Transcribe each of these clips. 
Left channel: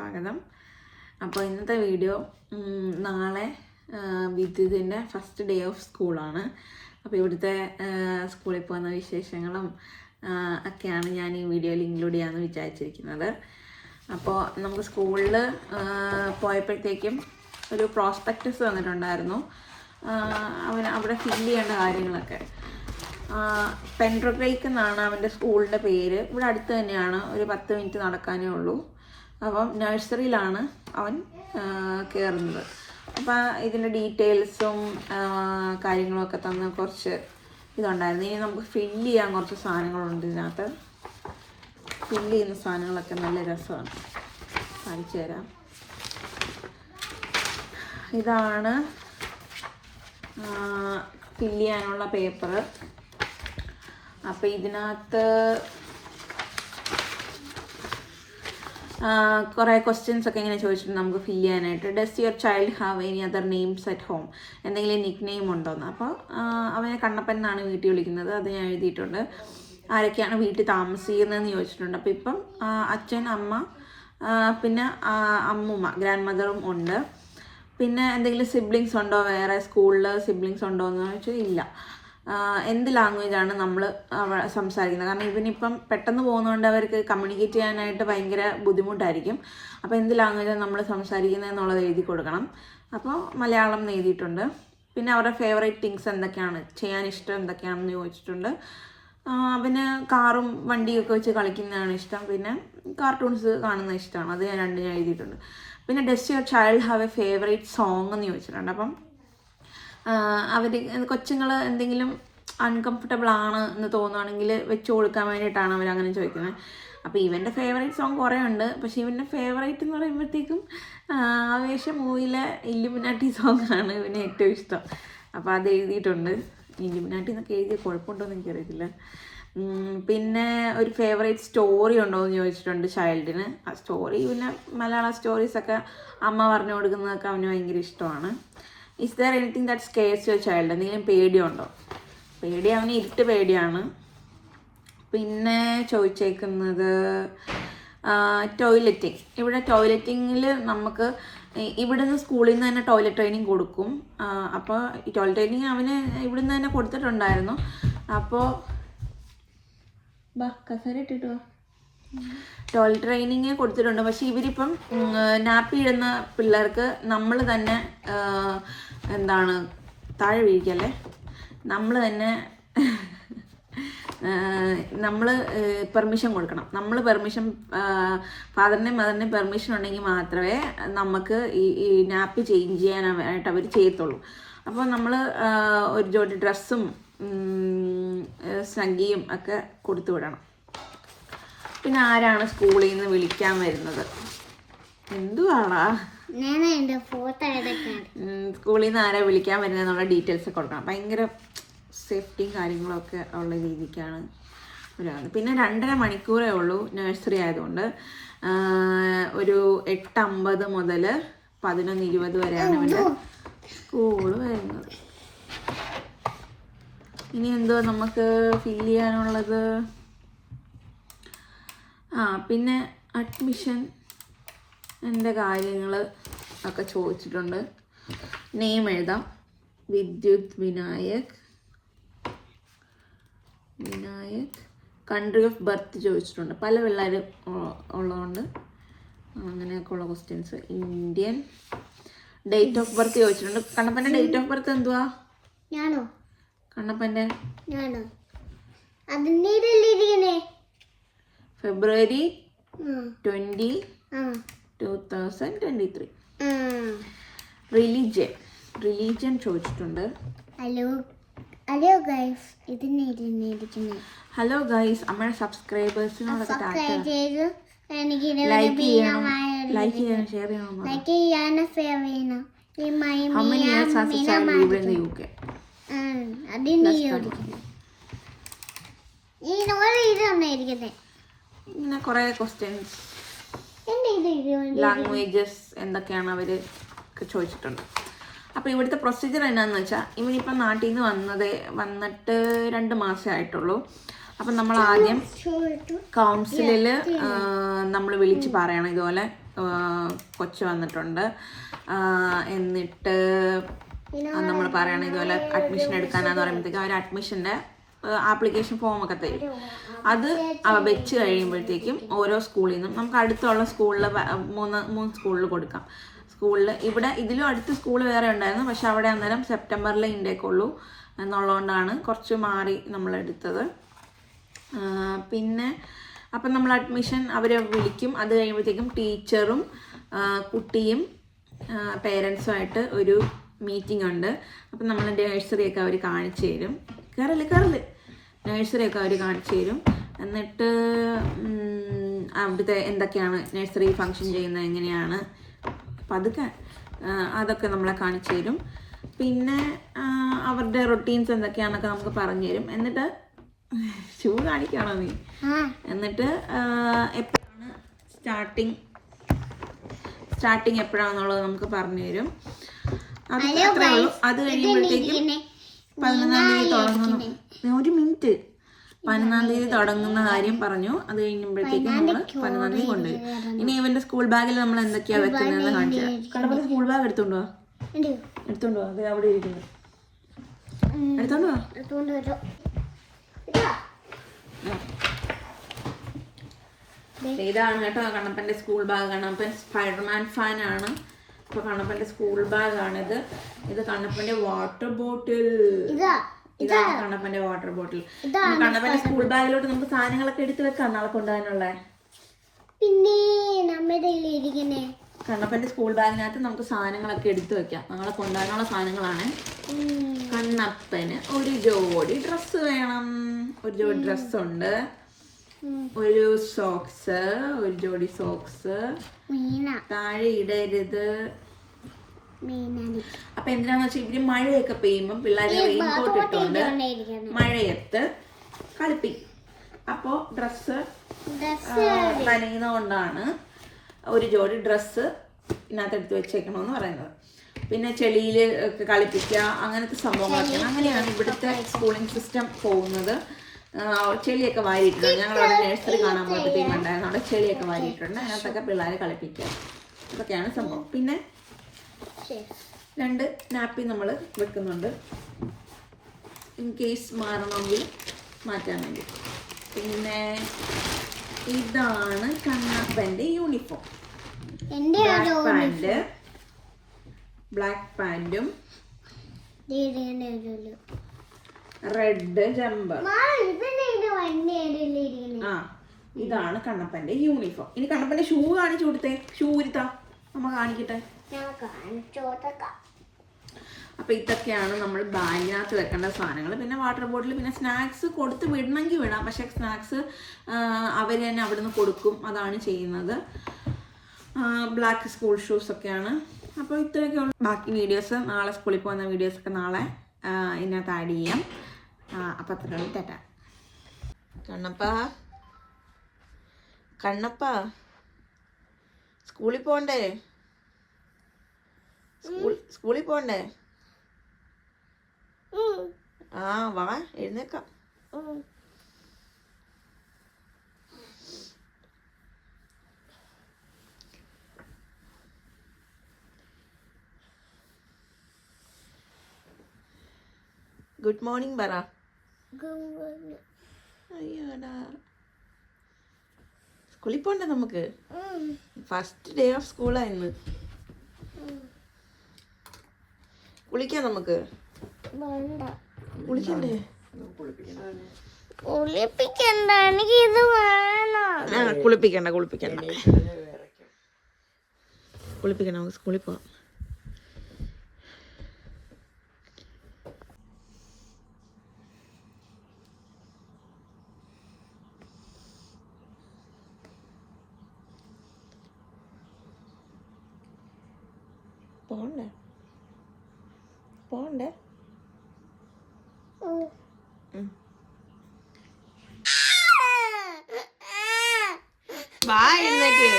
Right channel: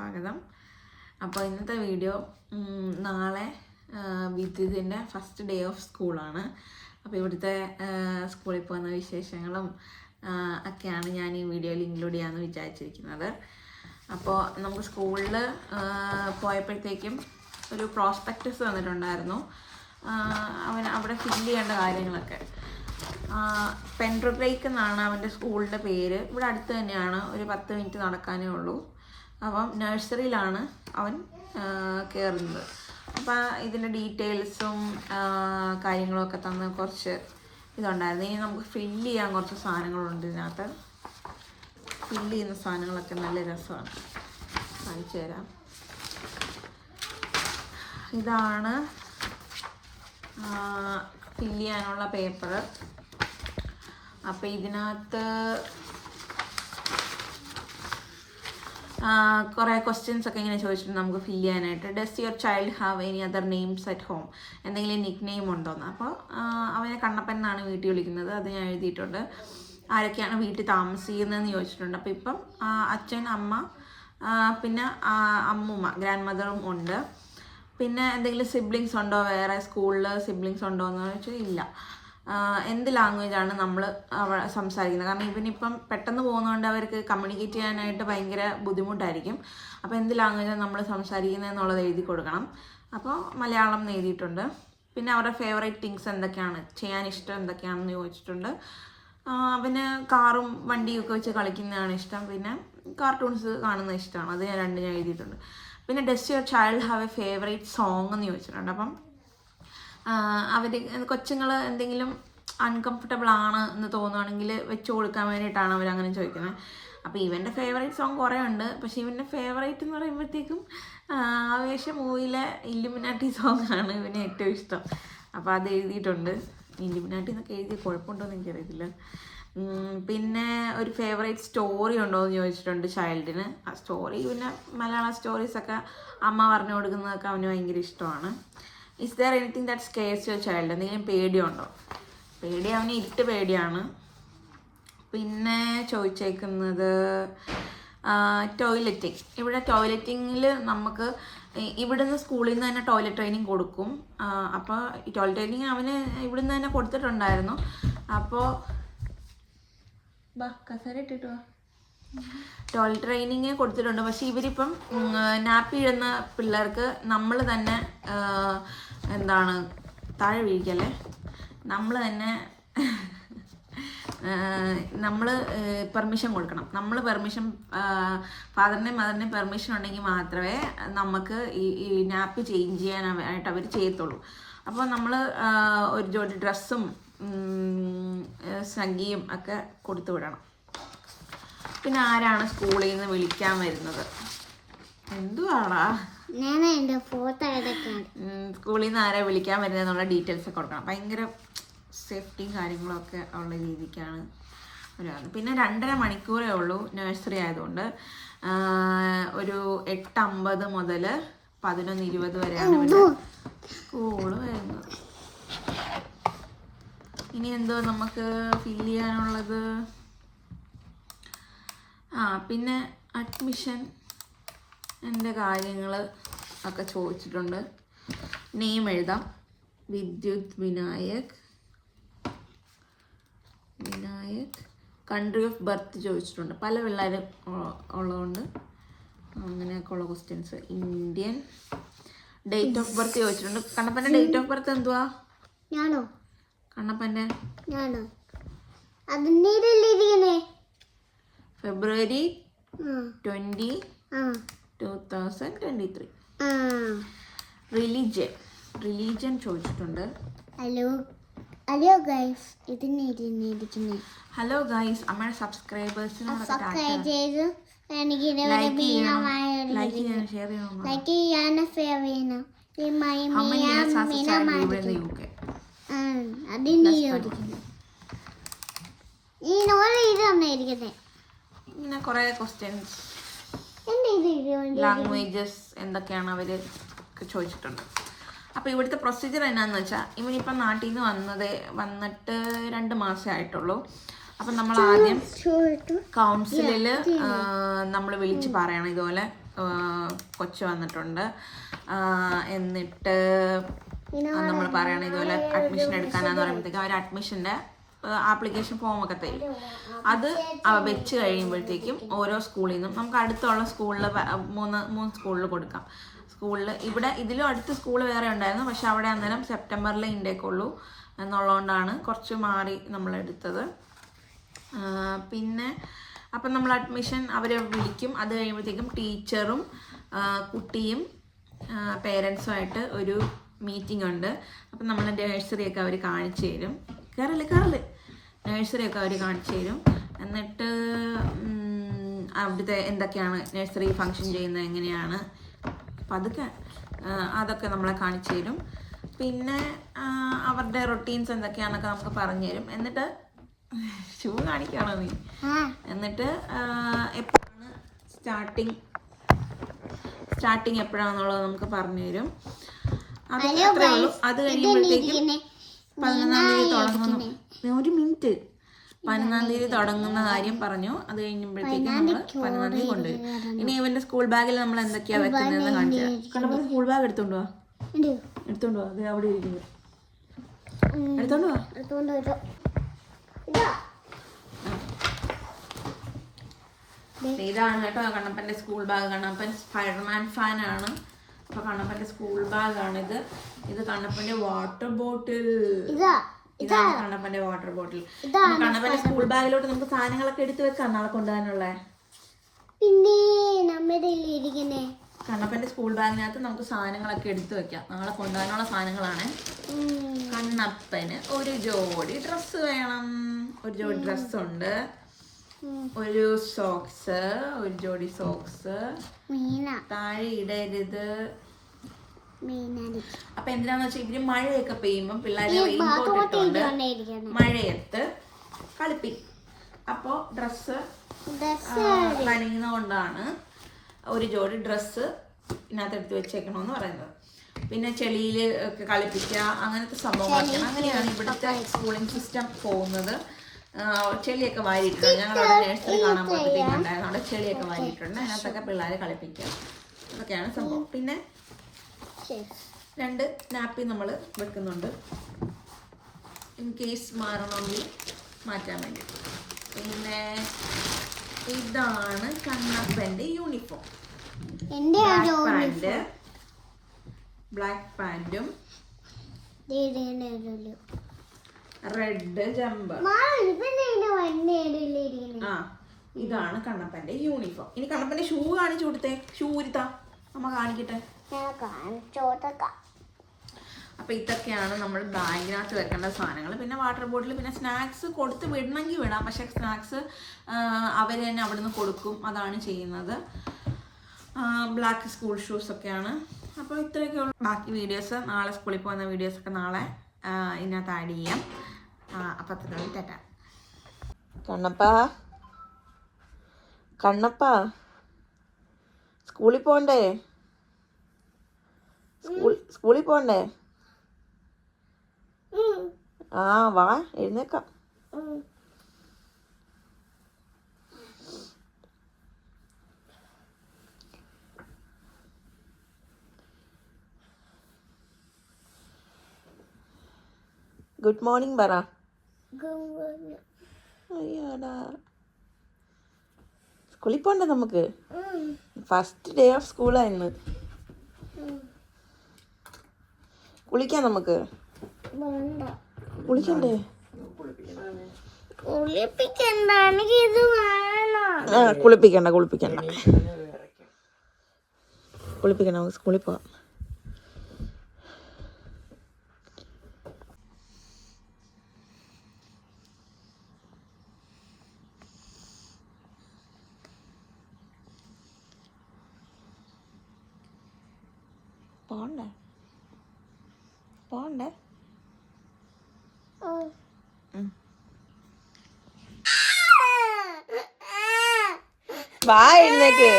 സ്വാഗതം. അപ്പോൾ ഇന്നത്തെ വീഡിയോ നാളെ വിദ്യുതിൻ്റെ ഫസ്റ്റ് ഡേ ഓഫ് സ്കൂളാണ്. അപ്പോൾ ഇവിടുത്തെ സ്കൂളിൽ പോകുന്ന വിശേഷങ്ങളും ഒക്കെയാണ് ഞാൻ ഈ വീഡിയോയിൽ ഇൻക്ലൂഡ് ചെയ്യാമെന്ന് വിചാരിച്ചിരിക്കുന്നത്. അപ്പോൾ നമുക്ക് സ്കൂളിൽ പോയപ്പോഴത്തേക്കും ഒരു പ്രോസ്പെക്ടസ് വന്നിട്ടുണ്ടായിരുന്നു. അവിടെ ഫില്ല് ചെയ്യേണ്ട കാര്യങ്ങളൊക്കെ. പെൻട്രബ്രേക്ക് എന്നാണ് അവൻ്റെ സ്കൂളിൻ്റെ പേര്. ഇവിടെ അടുത്ത് തന്നെയാണ്, ഒരു 10 മിനിറ്റ് നടക്കാനേ ഉള്ളൂ. അപ്പം നഴ്സറിയിലാണ് അവൻ കയറുന്നത്. അപ്പം ഇതിൻ്റെ ഡീറ്റെയിൽസും കാര്യങ്ങളൊക്കെ തന്ന് കുറച്ച് ഇതുണ്ടായിരുന്നു. ഇനി നമുക്ക് ഫില്ല് ചെയ്യാൻ കുറച്ച് സാധനങ്ങളുണ്ട് ഇതിനകത്ത്. ഫില്ല് ചെയ്യുന്ന സാധനങ്ങളൊക്കെ നല്ല രസമാണ്, കാണിച്ചു തരാം. ഇതാണ് ഫില്ല് ചെയ്യാനുള്ള പേപ്പർ. അപ്പോൾ ഇതിനകത്ത് കുറേ ക്വസ്റ്റ്യൻസ് ഒക്കെ ഇങ്ങനെ ചോദിച്ചിട്ടുണ്ട് നമുക്ക് ഫില്ല് ചെയ്യാനായിട്ട്. Does your child have any other names at home? എന്തെങ്കിലും നിക് നെയിം ഉണ്ടോയെന്ന്. അപ്പോൾ അവനെ കണ്ണപ്പൻ എന്നാണ് വീട്ടിൽ വിളിക്കുന്നത്, അത് ഞാൻ എഴുതിയിട്ടുണ്ട്. ആരൊക്കെയാണ് വീട്ടിൽ താമസിക്കുന്നതെന്ന് ചോദിച്ചിട്ടുണ്ട്. അപ്പോൾ ഇപ്പം അച്ഛൻ, അമ്മ, പിന്നെ അമ്മൂമ്മ, ഗ്രാൻഡ് മദറും ഉണ്ട്. പിന്നെ എന്തെങ്കിലും സിബ്ലിങ്സ് ഉണ്ടോ, വേറെ സ്കൂളിൽ സിബ്ലിങ്സ് ഉണ്ടോ എന്ന് ചോദിച്ചാൽ ഇല്ല. എന്ത് ലാംഗ്വേജാണ് നമ്മൾ സംസാരിക്കുന്നത്? കാരണം ഇവനിപ്പം പെട്ടെന്ന് പോകുന്നതുകൊണ്ട് അവർക്ക് കമ്മ്യൂണിക്കേറ്റ് ചെയ്യാനായിട്ട് ഭയങ്കര ബുദ്ധിമുട്ടായിരിക്കും. അപ്പോൾ എന്ത് ലാംഗ്വേജാണ് നമ്മൾ സംസാരിക്കുന്നത് എന്നുള്ളത് എഴുതി കൊടുക്കണം. അപ്പോൾ മലയാളം എന്ന് എഴുതിയിട്ടുണ്ട്. പിന്നെ അവരുടെ ഫേവറേറ്റ് തിങ്സ് എന്തൊക്കെയാണ്, ചെയ്യാൻ ഇഷ്ടം എന്തൊക്കെയാണെന്ന് ചോദിച്ചിട്ടുണ്ട്. പിന്നെ കാറും വണ്ടിയൊക്കെ വെച്ച് കളിക്കുന്നതാണ് ഇഷ്ടം. പിന്നെ കാർട്ടൂൺസ് കാണുന്നത് ഇഷ്ടമാണ്, അത് ഞാൻ എഴുതിയിട്ടുണ്ട്. പിന്നെ does your child have A favourite song എന്ന് ചോദിച്ചിട്ടുണ്ട്. അപ്പം അവർ കൊച്ചുങ്ങൾ എന്തെങ്കിലും അൺകംഫർട്ടബിൾ ആണ് എന്ന് തോന്നുകയാണെങ്കിൽ വെച്ച് കൊടുക്കാൻ വേണ്ടിയിട്ടാണ് അവരങ്ങനെ ചോദിക്കുന്നത്. അപ്പോൾ ഇവൻ്റെ ഫേവറേറ്റ് സോങ് കുറേ ഉണ്ട്. പക്ഷേ ഇവൻ്റെ ഫേവറേറ്റ് എന്ന് പറയുമ്പോഴത്തേക്കും ആവേശം മൂവിയിലെ ഇല്ലുമിനാട്ടി സോങ് ആണ് ഇവന് ഏറ്റവും ഇഷ്ടം. അപ്പോൾ അത് എഴുതിയിട്ടുണ്ട്. ഇല്ലുമിനാട്ടി എന്നൊക്കെ എഴുതിയ കുഴപ്പമുണ്ടോ എന്ന് എനിക്കറിയത്തില്ല. പിന്നെ ഒരു ഫേവറേറ്റ് സ്റ്റോറി ഉണ്ടോ എന്ന് ചോദിച്ചിട്ടുണ്ട് ചൈൽഡിന്. ആ സ്റ്റോറി പിന്നെ മലയാളം സ്റ്റോറീസൊക്കെ അമ്മ പറഞ്ഞു കൊടുക്കുന്നതൊക്കെ അവന് ഭയങ്കര ഇഷ്ടമാണ്. Is there anything that scarce your child? എന്തെങ്കിലും പേടിയുണ്ടോ? പേടി അവന് ഇരുട്ട് പേടിയാണ്. പിന്നെ ചോദിച്ചേക്കുന്നത് ടോയ്ലറ്റിങ്. ഇവിടെ ടോയ്ലറ്റിങ്ങിൽ നമുക്ക് ഇവിടുന്ന് സ്കൂളിൽ നിന്ന് തന്നെ ടോയ്ലറ്റ് ട്രെയിനിങ് കൊടുക്കും. അപ്പോൾ ഈ ടോയ്ലറ്റ് ട്രെയിനിങ് അവന് ഇവിടുന്ന് തന്നെ കൊടുത്തിട്ടുണ്ടായിരുന്നു. അപ്പോൾ കസേര ഇട്ടിട്ട് ടോയ്ലറ്റ് ട്രെയിനിങ് കൊടുത്തിട്ടുണ്ട്. പക്ഷേ ഇവരിപ്പം നാപ്പി ഇടുന്ന പിള്ളേർക്ക് നമ്മൾ തന്നെ എന്താണ് താഴെ വീഴിക്കല്ലേ, നമ്മൾ തന്നെ നമ്മൾ പെർമിഷൻ കൊടുക്കണം. നമ്മൾ പെർമിഷൻ, ഫാദറിൻ്റെയും മദറിൻ്റെയും പെർമിഷൻ ഉണ്ടെങ്കിൽ മാത്രമേ നമുക്ക് ഈ നാപ്പി ചേഞ്ച് ചെയ്യാനായിട്ട് അവർ ചെയ്യത്തുള്ളൂ. അപ്പോൾ നമ്മൾ ഒരു ജോഡി ഡ്രസ്സും സംഖ്യയും ഒക്കെ കൊടുത്തു വിടണം. പിന്നെ ആരാണ് സ്കൂളിൽ നിന്ന് വിളിക്കാൻ വരുന്നത്? എന്തുവാടാ സ്കൂളിൽ നിന്ന് ആരാ വിളിക്കാൻ വരുന്നത് എന്നുള്ള ഡീറ്റെയിൽസ് ഒക്കെ കൊടുക്കണം. ഭയങ്കര സേഫ്റ്റിയും കാര്യങ്ങളൊക്കെ ഉള്ള രീതിക്കാണ് ഒരു. പിന്നെ 2.5 മണിക്കൂറേ ഉള്ളൂ നഴ്സറി ആയതുകൊണ്ട്. ഒരു 8:50 മുതൽ 11:20 വരെയാണ് ഇവൻ്റെ സ്കൂള് വരുന്നത്. ഇനി എന്തോ നമുക്ക് ഫില്ല് ചെയ്യാനുള്ളത്? പിന്നെ അഡ്മിഷൻ എൻ്റെ കാര്യങ്ങൾ ഒക്കെ ചോദിച്ചിട്ടുണ്ട്. നെയിം എഴുതാം, വിദ്യുത് വിനായക്. കൺട്രി ഓഫ് ബർത്ത് ചോദിച്ചിട്ടുണ്ട്. പല പിള്ളേർ ഉള്ളതുകൊണ്ട് അങ്ങനെയൊക്കെ ഉള്ള questions. Indian. Date of birth ചോദിച്ചിട്ടുണ്ട്. കണ്ണപ്പൻ്റെ ഡേറ്റ് ഓഫ് ബർത്ത് എന്തുവാ? കണ്ണപ്പൻ്റെ ഫെബ്രുവരി 20, 2023. റിലീജിയൻ ചോദിച്ചിട്ടുണ്ട്. ഹലോ ഗൈസ്, അമ്മയുടെ സബ്സ്ക്രൈബേഴ്സിനോടൊക്കെ ലൈക്ക് ചെയ്യണം, ഷെയർ ചെയ്യണം. How many years has a child lived in the UK? ഇങ്ങനെ കുറേ ക്വസ്റ്റ്യൻസ്, ലാംഗ്വേജസ് എന്തൊക്കെയാണ് അവർ ചോദിച്ചിട്ടുണ്ട്. അപ്പോൾ ഇവിടുത്തെ പ്രൊസീജിയർ എന്നാന്ന് വെച്ചാൽ, ഇവനിപ്പം നാട്ടിൽ നിന്ന് വന്നിട്ട് 2 മാസമേ ആയിട്ടുള്ളൂ. അപ്പം നമ്മൾ ആദ്യം കൗൺസിലിൽ നമ്മൾ വിളിച്ച് പറയണം ഇതുപോലെ കൊച്ചു വന്നിട്ടുണ്ട്. എന്നിട്ട് നമ്മൾ പറയണം ഇതുപോലെ അഡ്മിഷൻ എടുക്കാനാന്ന് പറയുമ്പോഴത്തേക്കും അവർ അഡ്മിഷൻ്റെ ആപ്ലിക്കേഷൻ ഫോമൊക്കെ തരും. അത് വെച്ച് കഴിയുമ്പോഴത്തേക്കും ഓരോ സ്കൂളിൽ നിന്നും നമുക്ക് അടുത്തുള്ള സ്കൂളിൽ മൂന്ന് സ്കൂളിൽ കൊടുക്കാം. സ്കൂളിൽ ഇവിടെ ഇതിലും അടുത്ത് സ്കൂൾ വേറെ ഉണ്ടായിരുന്നു, പക്ഷെ അവിടെ അന്നേരം സെപ്റ്റംബറിലെ ഇൻടേക്കുള്ളൂ എന്നുള്ളതുകൊണ്ടാണ് കുറച്ച് മാറി നമ്മളെടുത്തത്. പിന്നെ അപ്പം നമ്മൾ അഡ്മിഷൻ അവരെ വിളിക്കും. അത് കഴിയുമ്പോഴത്തേക്കും ടീച്ചറും കുട്ടിയും പേരൻസുമായിട്ട് ഒരു മീറ്റിംഗ് ഉണ്ട്. അപ്പം നമ്മൾ നഴ്സറിയൊക്കെ അവർ കാണിച്ചു തരും. കയറല് നഴ്സറിയൊക്കെ അവർ കാണിച്ചു തരും. എന്നിട്ട് അവിടുത്തെ എന്തൊക്കെയാണ് നഴ്സറി ഫങ്ഷൻ ചെയ്യുന്നത് എങ്ങനെയാണ് അപ്പം അതൊക്കെ നമ്മളെ കാണിച്ചു തരും. പിന്നെ അവരുടെ റൊട്ടീൻസ് എന്തൊക്കെയാണെന്നൊക്കെ നമുക്ക് പറഞ്ഞു തരും. എന്നിട്ട് ഷൂ കാണിക്കുകയാണോ നീ? എന്നിട്ട് എപ്പോഴാണ് സ്റ്റാർട്ടിങ് എപ്പോഴാണെന്നുള്ളത് നമുക്ക് പറഞ്ഞു തരും. അത് അത്രേ ഉള്ളൂ. അത് കഴിയുമ്പോഴത്തേക്കും 11-ാം തീയതി തുടങ്ങുന്നു. ഒരു മിനിറ്റ്, 11-ാം തീയതി തുടങ്ങുന്ന കാര്യം പറഞ്ഞു. അത് കഴിയുമ്പോഴത്തേക്കും നമ്മൾ 11-ാം തീയതി കൊണ്ടുവരും. ഇനി ഇവന്റെ സ്കൂൾ ബാഗിൽ നമ്മൾ എന്തൊക്കെയാണ് വെക്കുന്നതെന്ന് കാണിച്ചു തരാം. കണ്ടപ്പോൾ സ്കൂൾ ബാഗ് എടുത്തോണ്ട് പോവാ അത് അവിടെ ഇരിക്കുന്നത്. എടുത്തോണ്ട് പോവാ. ഇതാണ് കേട്ടോ കണ്ണപ്പൻ്റെ സ്കൂൾ ബാഗ്. കണ്ണപ്പൻ സ്പൈഡർമാൻ ഫാനാണ്. അപ്പോൾ കണ്ണപ്പൻ്റെ സ്കൂൾ ബാഗാണിത്. ഇത് കണ്ണപ്പൻ്റെ വാട്ടർ ബോട്ടിൽ. ഇതാണ് കണ്ണപ്പൻ്റെ വാട്ടർ ബോട്ടിൽ. കണ്ണപ്പൻ്റെ സ്കൂൾ ബാഗിലോട്ട് നമുക്ക് സാധനങ്ങളൊക്കെ എടുത്ത് വെക്കാം നാളെ കൊണ്ടുപോകാനുള്ള. പിന്നെ കണ്ണപ്പൻ്റെ സ്കൂൾ ബാഗിനകത്ത് നമുക്ക് സാധനങ്ങളൊക്കെ എടുത്ത് വെക്കാം, നാളെ കൊണ്ടുപോകാനുള്ള സാധനങ്ങളാണ്. കണ്ണപ്പന് ഒരു ജോഡി ഡ്രസ്സ് വേണം. ഒരു ജോഡി ഡ്രസ്സുണ്ട്, ഒരു ജോഡി സോക്സ്. താഴെ ഇടരുത്. അപ്പൊ എന്തിനാന്ന് വെച്ചാൽ ഇവര് മഴയൊക്കെ പെയ്യുമ്പം പിള്ളേരെ റെയിൻകോട്ട് ഇട്ടുകൊണ്ട് മഴയത്ത് കളിപ്പിക്കും. അപ്പോൾ ഡ്രസ്സ് നനയുന്നതുകൊണ്ടാണ് ഒരു ജോഡി ഡ്രസ്സ് ഇതിനകത്ത് എടുത്ത് വെച്ചേക്കണമെന്ന് പറയുന്നത്. പിന്നെ ചെളിയിൽ ഒക്കെ കളിപ്പിക്കുക, അങ്ങനത്തെ സംഭവങ്ങളൊക്കെയാണ്. അങ്ങനെയാണ് ഇവിടുത്തെ സ്കൂളിംഗ് സിസ്റ്റം പോകുന്നത്. ചെളിയൊക്കെ വാരിയിട്ടുണ്ട്. ഞങ്ങളവിടെ നഴ്സറി കാണാൻ പോയപ്പോഴത്തേക്കും ഉണ്ടായിരുന്നു, അവിടെ ചെളിയൊക്കെ വാരിയിട്ടുണ്ട്. അതിനകത്തൊക്കെ പിള്ളേരെ കളിപ്പിക്കുക, അതൊക്കെയാണ് സംഭവം. പിന്നെ 2 നാപ്പി നമ്മൾ വെക്കുന്നുണ്ട്, ഇൻ കേസ് മാറണമെങ്കിൽ മാറ്റാൻ വേണ്ടി. പിന്നെ ഇതാണ് കണ്ണപ്പൻ്റെ യൂണിഫോം. ബ്ലാക്ക് പാൻറ്റും റെഡ് ജമ്പർ. ഇതാണ് കണ്ണപ്പൻ്റെ യൂണിഫോം. ഇനി കണ്ണപ്പൻ്റെ ഷൂ കാണിച്ചു കൊടുത്തേ. ഷൂ ഇരുത്താം, അമ്മ കാണിക്കട്ടെ. അപ്പൊ ഇതൊക്കെയാണ് നമ്മൾ ബാഗിനകത്ത് വെക്കേണ്ട സാധനങ്ങൾ. പിന്നെ വാട്ടർ ബോട്ടിൽ, പിന്നെ സ്നാക്സ് കൊടുത്ത് വിടണമെങ്കിൽ വിടാം, പക്ഷെ സ്നാക്സ് അവർ തന്നെ അവിടുന്ന് കൊടുക്കും, അതാണ് ചെയ്യുന്നത്. ബ്ലാക്ക് സ്കൂൾ ഷൂസ് ഒക്കെയാണ്. അപ്പോൾ ഇത്രയൊക്കെ ഉള്ളു. ബാക്കി വീഡിയോസ് നാളെ സ്കൂളിൽ പോകുന്ന വീഡിയോസൊക്കെ നാളെ ഇതിനകത്ത് ആഡ് ചെയ്യാം. അപ്പം അത്രയുള്ള ടാറ്റ. കണ്ണപ്പ സ്കൂളിൽ പോകണ്ടേ? സ്കൂളിൽ പോകണ്ടേ? വാ, എഴുന്നേക്കാം. ഗുഡ് മോർണിംഗ് പറ. അയ്യോടാ, സ്കൂളിൽ പോണ്ടേ നമുക്ക്? ഫസ്റ്റ് ഡേ ഓഫ് സ്കൂളായിരുന്നു. കുളിക്കാം നമുക്ക്? കുളിക്കണ്ടേ? കുളിപ്പിക്കണ്ട നമുക്ക് സ്കൂളിൽ പോവാം. പോണ്ടേ? വാ, എഴുന്നേക്ക്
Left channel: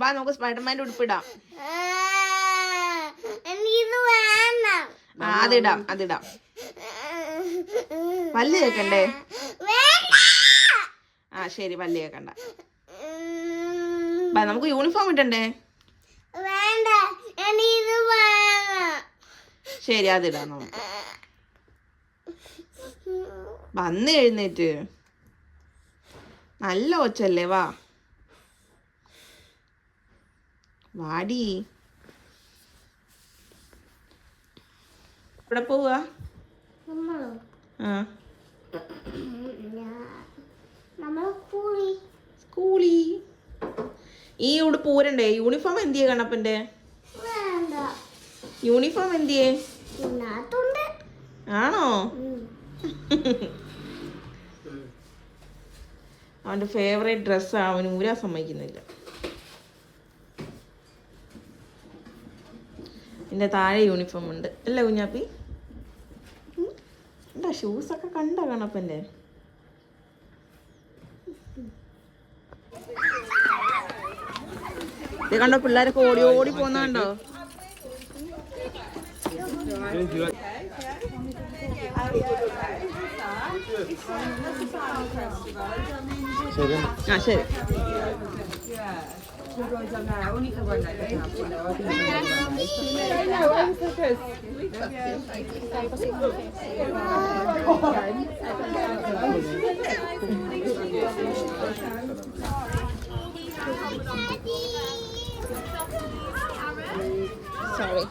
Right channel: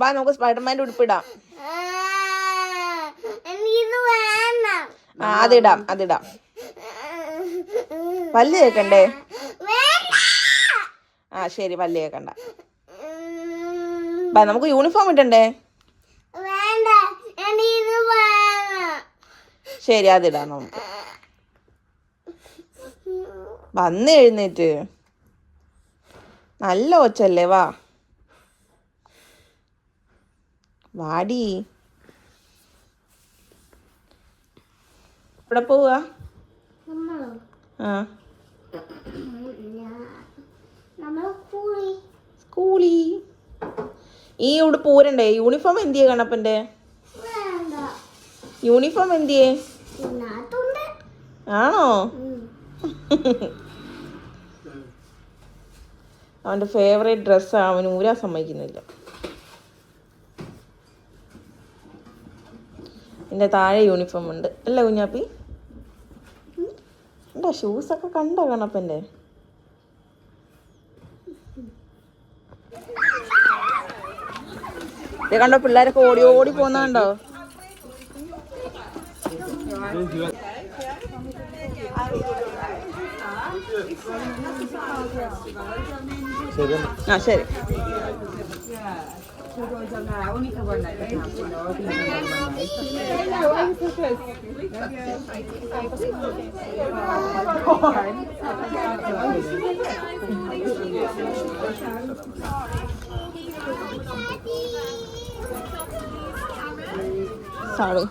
വാ, നമുക്ക് സ്പൈഡർമാൻ്റെ ഉടുപ്പിടാം. അതിടാം. പല്ല് കേക്കണ്ടേ? ശരി, പല്ല് കേക്കണ്ട. നമുക്ക് യൂണിഫോം ഇട്ടണ്ടേ? വേണ്ട, ഇത് വേണം. ശരി, അതിടാം നമുക്ക്. വന്ന് എഴുന്നേറ്റ്. നല്ല ഒച്ചല്ലേ, വാ വാടി. ഇവിടെ പോവാ? സ്കൂളി. ഈ ഇവിടെ പോരണ്ടേ? യൂണിഫോം എന്തിയെ കണ്ണപ്പന്റെ? യൂണിഫോം എന്തിയെ? ആണോ? അവന്റെ ഫേവറേറ്റ് ഡ്രസ്സാ, അവന് ഊരാൻ സമ്മതിക്കുന്നില്ല. എൻ്റെ താഴെ യൂണിഫോം ഉണ്ട് അല്ലേ കുഞ്ഞാപ്പി? എന്താ ഷൂസൊക്കെ കണ്ടോ കണ്ണപ്പൻ്റെ? ഇത് കണ്ടോ, പിള്ളേരൊക്കെ ഓടി ഓടി പോന്നാണ്ടോ? ആ ശരി. Sorry.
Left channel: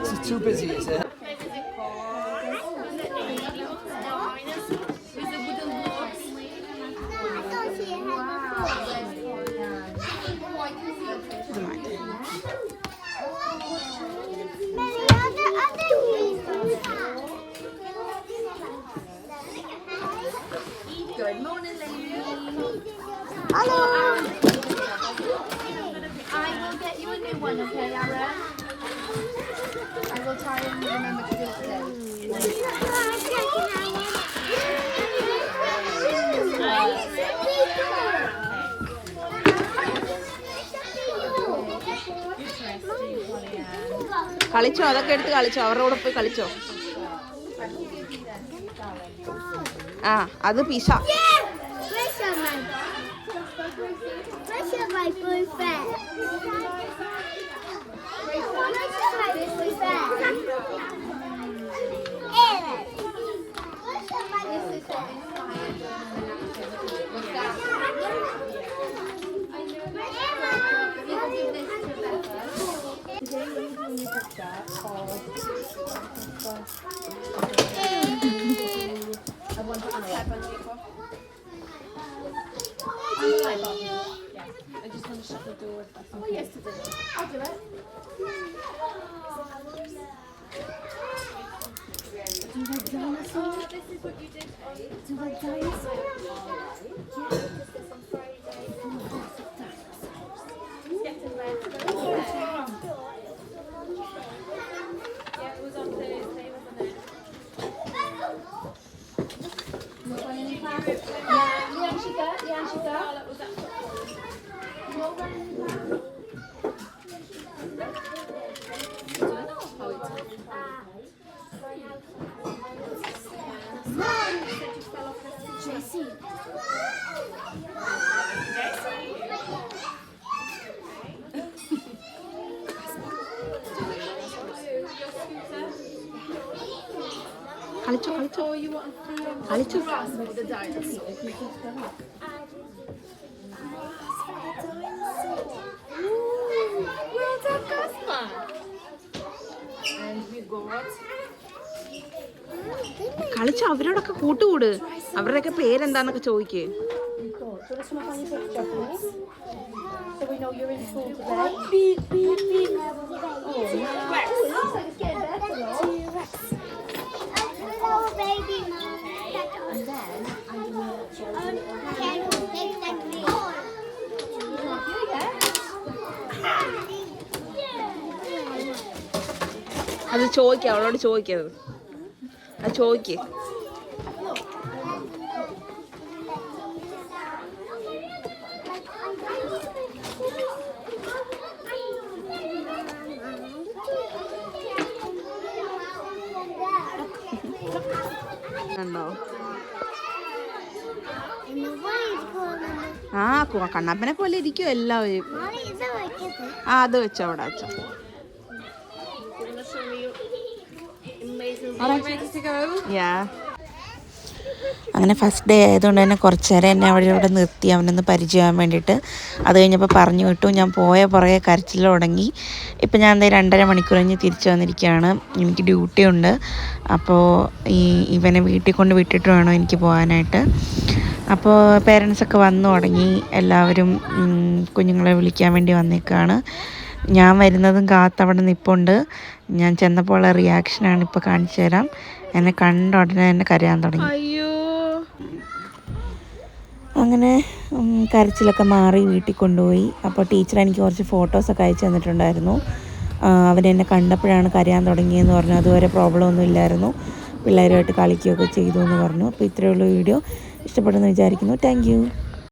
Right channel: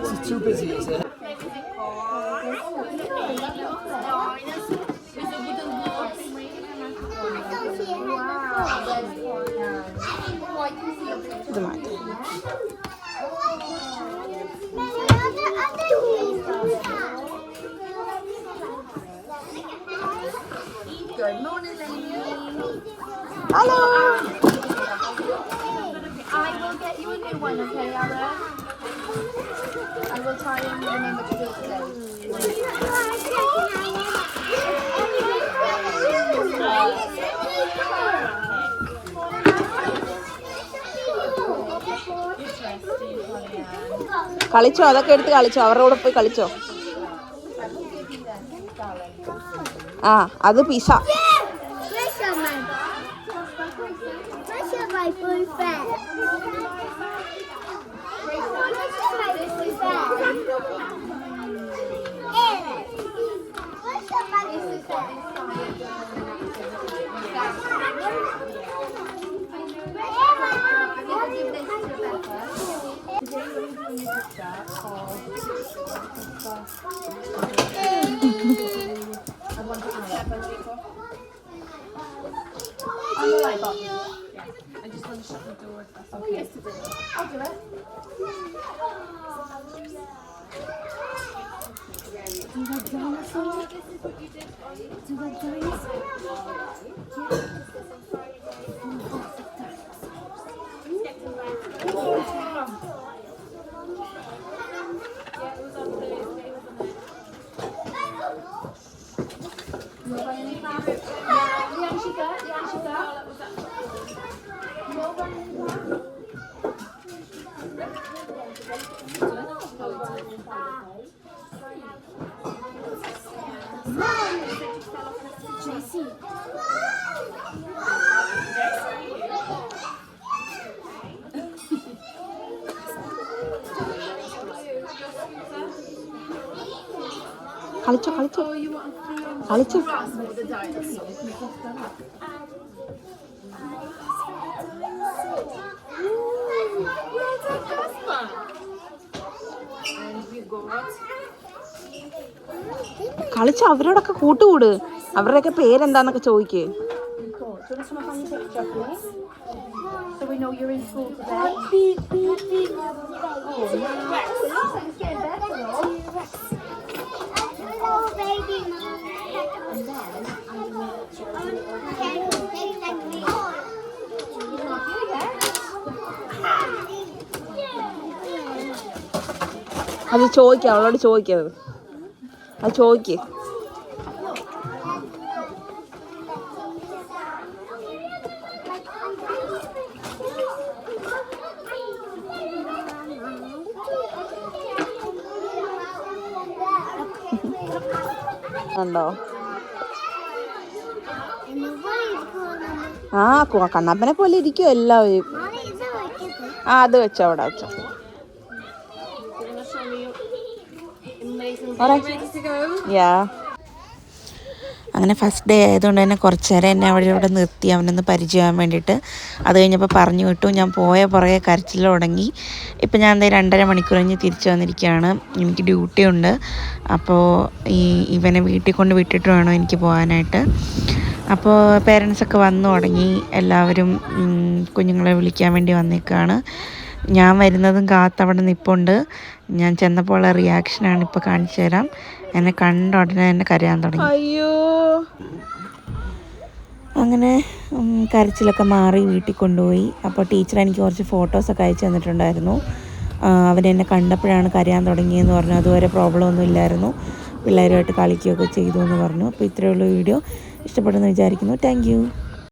It's too busy, is it? ഇത് മാറ്റി. Good morning, Lily. Hello. I will get you a new one, okay, Aaron? I will try and remember to do it today. കളിച്ചോ, അതൊക്കെ എടുത്ത് കളിച്ചോ, അവരുടെ കൂടെ പോയി കളിച്ചോ. ആ അത് പിസ. കളിച്ചോ കളിച്ചോ കളിച്ചോ. കളിച്ചോ, അവരോടൊക്കെ കൂട്ടുകൂട്. അവരുടെയൊക്കെ പേരെന്താന്നൊക്കെ ചോദിക്കേ. അത് ചോദിക്കാം, അവളോട് ചോദിക്കത്. അത് ചോദിക്കേ. കണ്ടോ? ആ കണ്ണപ്പനെ പോലെ ഇരിക്കും എല്ലാവരും. ഇത് വെക്കട്ടെ. ആ അത് വെച്ചോ, അവിടെ വെച്ചോ. അങ്ങനെ ഫസ്റ്റ് ഡേ ആയതുകൊണ്ട് തന്നെ കുറച്ച് നേരം എന്നെ അവിടെ നിർത്തി അവനൊന്ന് പരിചയമാകാൻ വേണ്ടിയിട്ട്. അത് കഴിഞ്ഞപ്പോൾ പറഞ്ഞു വിട്ടു. ഞാൻ പോയ പുറകെ കരച്ചിൽ തുടങ്ങി. ഇപ്പം ഞാൻ 2.5 മണിക്കൂർ കഴിഞ്ഞ് തിരിച്ചു വന്നിരിക്കുകയാണ്. എനിക്ക് ഡ്യൂട്ടി ഉണ്ട്. അപ്പോൾ ഇവനെ വീട്ടിൽ കൊണ്ട് വിട്ടിട്ട് വേണം എനിക്ക് പോകാനായിട്ട്. അപ്പോൾ പേരൻസൊക്കെ വന്നു തുടങ്ങി. എല്ലാവരും കുഞ്ഞുങ്ങളെ വിളിക്കാൻ വേണ്ടി വന്നേക്കാണ്. ഞാൻ വരുന്നതും കാത്തവിടെ നിൽപ്പുണ്ട്. ഞാൻ ചെന്നപ്പോൾ റിയാക്ഷനാണ് ഇപ്പോൾ കാണിച്ചു തരാം. എന്നെ കണ്ട ഉടനെ തന്നെ കരയാൻ തുടങ്ങി. അയ്യോ, അങ്ങനെ കരച്ചിലൊക്കെ മാറി വീട്ടിൽ കൊണ്ടുപോയി. അപ്പോൾ ടീച്ചർ എനിക്ക് കുറച്ച് ഫോട്ടോസൊക്കെ അയച്ചു തന്നിട്ടുണ്ടായിരുന്നു. അവനെന്നെ കണ്ടപ്പോഴാണ് കരയാൻ തുടങ്ങിയെന്ന് പറഞ്ഞു. അതുവരെ പ്രോബ്ലം ഒന്നും ഇല്ലായിരുന്നു, പിള്ളേരുമായിട്ട് കളിക്കുകയൊക്കെ ചെയ്തു എന്ന് പറഞ്ഞു. അപ്പോൾ ഇത്രയുള്ള വീഡിയോ ഇഷ്ടപ്പെട്ടെന്ന് വിചാരിക്കുന്നു. താങ്ക്